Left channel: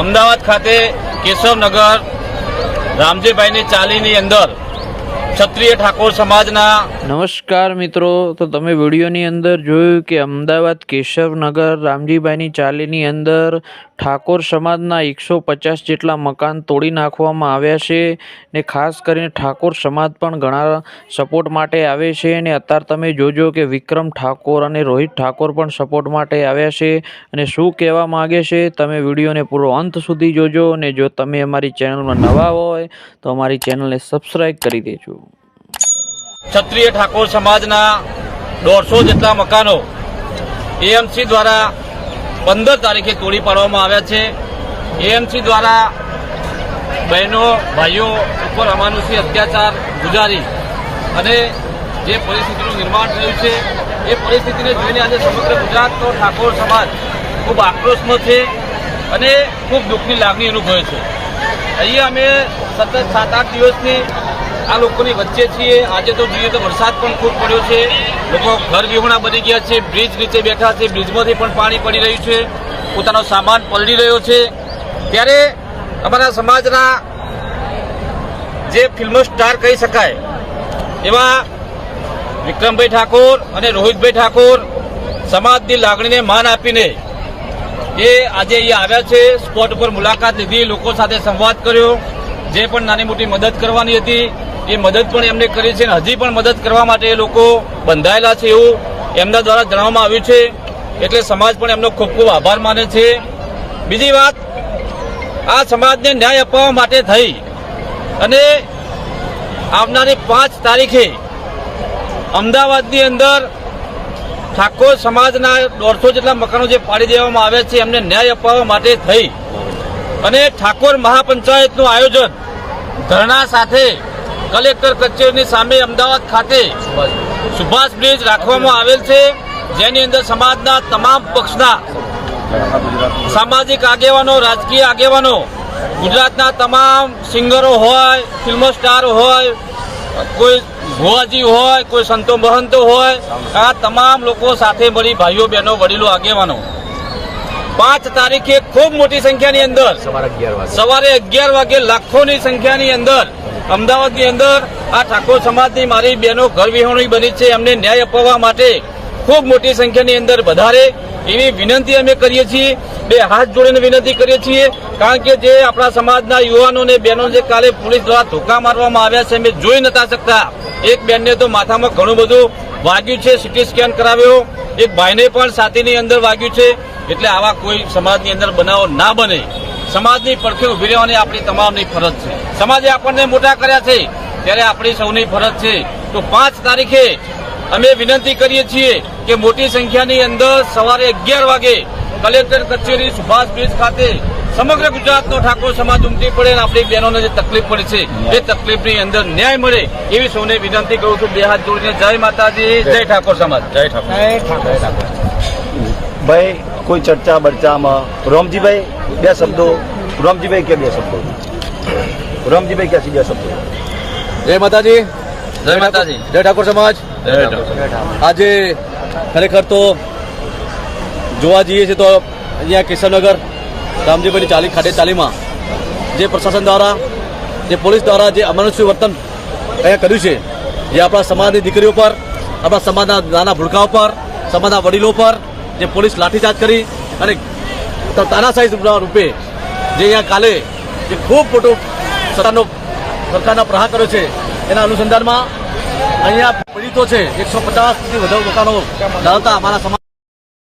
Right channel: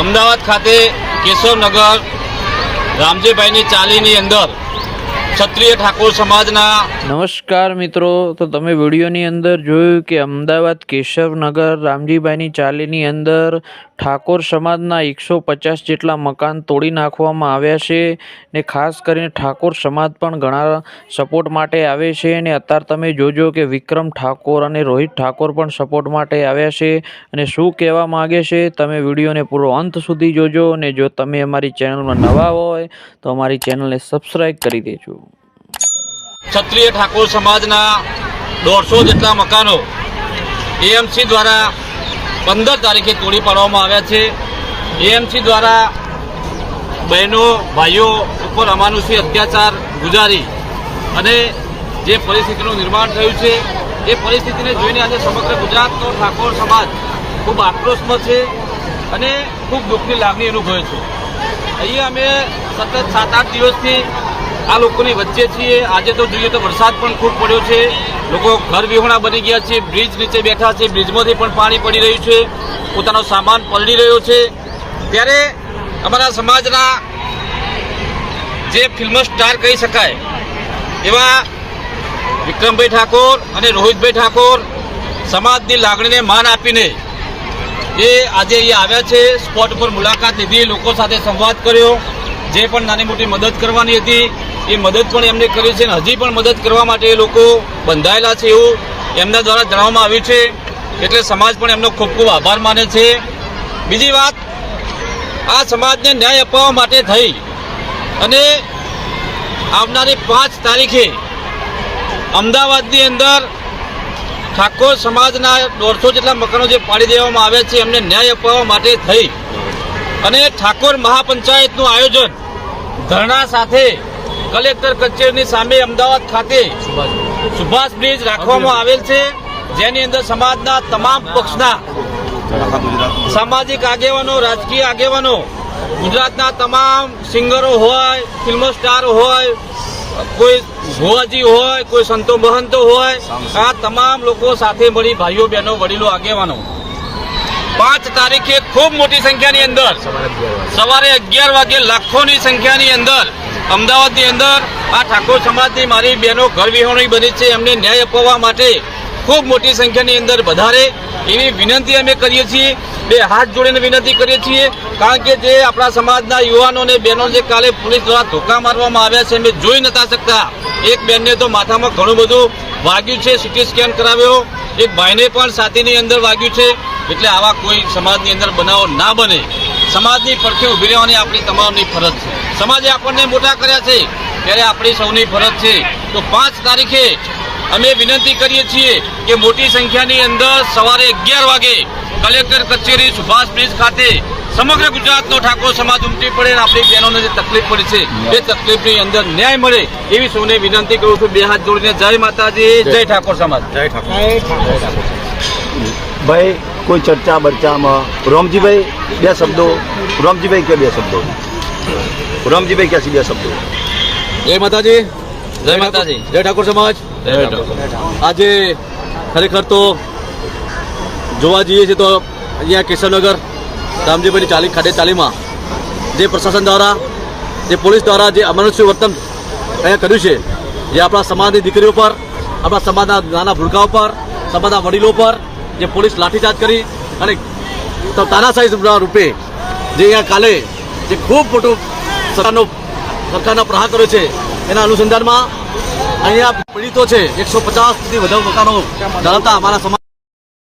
અમદાવાદ ખાતે કેશવનગર રામજીભાઈની ચાલીની અંદર ક્ષત્રિય ઠાકોર સમાજના નમસ્કાર મિત્રો, તો તમે વિડીયોની અંદર જોયું કે અમદાવાદ કેશવનગર રામજીભાઈની ચાલીની અંદર ઠાકોર સમાજના 150 જેટલા મકાન તોડી નાખવામાં આવ્યા છે ને ખાસ કરીને ઠાકોર સમાજ પણ ઘણા સપોર્ટ માટે આવે છે અને અત્યારે તમે જોજો કે વિક્રમ ઠાકોર અને રોહિત ઠાકોર પણ સપોર્ટ માટે આવ્યા છે અને શું કહેવા માગે છે તમે વિડીયોને પૂરો અંત સુધી જોજો અને જો તમે અમારી ચેનલમાં નવા હોય તો અમારી ચેનલને સબસ્ક્રાઈબ કરી દેજો। ક્ષત્રિય ઠાકોર સમાજના 150 જેટલા મકાનો એએમસી દ્વારા 15 તારીખે તોડી પાડવામાં આવ્યા છે। એએમસી દ્વારા બહેનો ભાઈઓ ઉપર અમાનુષી અત્યાચાર ગુજારી અને જે પરિસ્થિતિનું નિર્માણ થયું છે એ પરિસ્થિતિને જોઈને આજે સમગ્ર ગુજરાતનો ઠાકોર સમાજ ખૂબ આક્રોશમાં છે અને ખૂબ દુઃખની લાગણી અનુભવે છે। અહીંયા અમે સતત 7-8 દિવસથી આ લોકોની વચ્ચે છીએ। આજે તો જોઈએ તો વરસાદ પણ ખૂબ પડ્યો છે, લોકો ઘર વિહોણા બની ગયા છે, બ્રિજ નીચે બેઠા છે, બ્રિજમાંથી પણ પાણી પડી રહ્યું છે, પોતાનો સામાન પલળી રહ્યો છે। ત્યારે અમારા સમાજના જે ફિલ્મ સ્ટાર કહી શકાય એવા વિક્રમભાઈ ઠાકોર અને રોહિતભાઈ ઠાકોર સમાજની લાગણીને માન આપીને એ આજે અહીંયા આવ્યા છે। સ્પોટ ઉપર મુલાકાત લીધી, લોકો સાથે સંવાદ કર્યો, જે પણ નાની મોટી મદદ કરવાની હતી એ મદદ પણ એમને કરી છે અને હજી પણ મદદ કરવા માટે એ લોકો બંધાયેલા છે એવું એમના દ્વારા જણાવવામાં આવ્યું છે। એટલે સમાજ પણ એમનો ખૂબ ખૂબ આભાર માને છે। બીજી વાત, આ સમાજને ન્યાય અપાવવા માટે થઈ અને આવનારી 5 તારીખે અમદાવાદની અંદર ઠાકોર સમાજના 150 જેટલા મકાનો જે પાડી દેવામાં આવ્યા છે એમને ન્યાય અપાવવા માટે થઈ અને ઠાકોર મહાપંચાયતનું આયોજન ધરણા સાથે કલેક્ટર કચેરીની સામે અમદાવાદ ખાતે સુભાષ બ્રિજ રાખવામાં આવેલ છે, જેની અંદર સમાજના તમામ પક્ષના સામાજિક આગેવાનો, રાજકીય આગેવાનો, ગુજરાતના તમામ સિંગરો હોય, ફિલ્મ સ્ટાર હોય, કોઈ ભુવાજી હોય, કોઈ સંતો મહંતો હોય, આ તમામ લોકો સાથે મળી ભાઈઓ બહેનો વડીલો આગેવાનો 5 તારીખે ખૂબ મોટી સંખ્યાની અંદર સવારે 11 વાગે લાખોની સંખ્યાની અંદર અમદાવાદની અંદર આ ઠાકોર સમાજની મારી બહેનો ઘર વિહોણી બની છે, એમને ન્યાય અપાવવા માટે ખૂબ મોટી સંખ્યાની અંદર વધારે એવી વિનંતી અમે કરીએ છીએ। 2 હાથ જોડીને વિનંતી કરીએ છીએ, કારણ કે જે આપણા સમાજના યુવાનો અને બહેનો જે કાલે પોલીસ દ્વારા ધોકા મારવામાં આવ્યા છે અમે જોઈ નતા શકતા। એક બેનને તો માથામાં ઘણું બધું વાગ્યું છે, સીટી સ્કેન કરાવ્યો, એક ભાઈને પણ છાતીની અંદર વાગ્યું છે। એટલે આવા કોઈ સમાજની અંદર બનાવો ના બને, સમાજની પડખે ઉભી રહેવાની આપણી તમામની ફરજ છે। સમાજે આપણને મોટા કર્યા છે ત્યારે આપણી સૌની ફરજ છે। તો 5 તારીખે અમે વિનંતી કરીએ છીએ કે મોટી સંખ્યાની અંદર સવારે 11 વાગે કલેક્ટર કચેરી સુભાષ બ્રિજ ખાતે સમગ્ર ગુજરાતનો ઠાકોર સમાજ ઉમટી પડે અને આપણી બહેનોને જે તકલીફ પડી છે એ તકલીફની અંદર ન્યાય મળે એવી સૌને વિનંતી કરું છું। 2 હાથ જોડીને જય માતાજી, જય ઠાકોર સમાજ, જય ઠાકોર। ભાઈ કોઈ ચર્ચા બર્ચામાં રામજીભાઈ 2 શબ્દો, રામજીભાઈ કે 2 શબ્દો, રામજીભાઈ ક્યાં 2 શબ્દો। જય માતાજી, જય માતાજી, જય ઠાકોર સમાજ। જય ઠાકોર સમાજ। આજે ખરેખર તો જોવા જઈએ છીએ તો અહીંયા કેશવનગર રામજીભાઈની ચાલી ખાતે ચાલીમાં જે પ્રશાસન દ્વારા, જે પોલીસ દ્વારા જે અમાનુષી વર્તન અહીંયા કર્યું છે, જે આપણા સમાજની દીકરીઓ પર, આપણા સમાજના નાના ભૂલકાઓ પર, સમાજના વડીલો પર જે પોલીસ લાઠીચાર્જ કરી અને તાનાશાહી રૂપે જે અહીંયા કાલે જે ખૂબ મોટું સરકારના પ્રહાર કર્યો છે, એના અનુસંધાનમાં અહીંયા પીડિતો છે 150થી વધુ મકાનો ધરાવતા અમારા સમાજ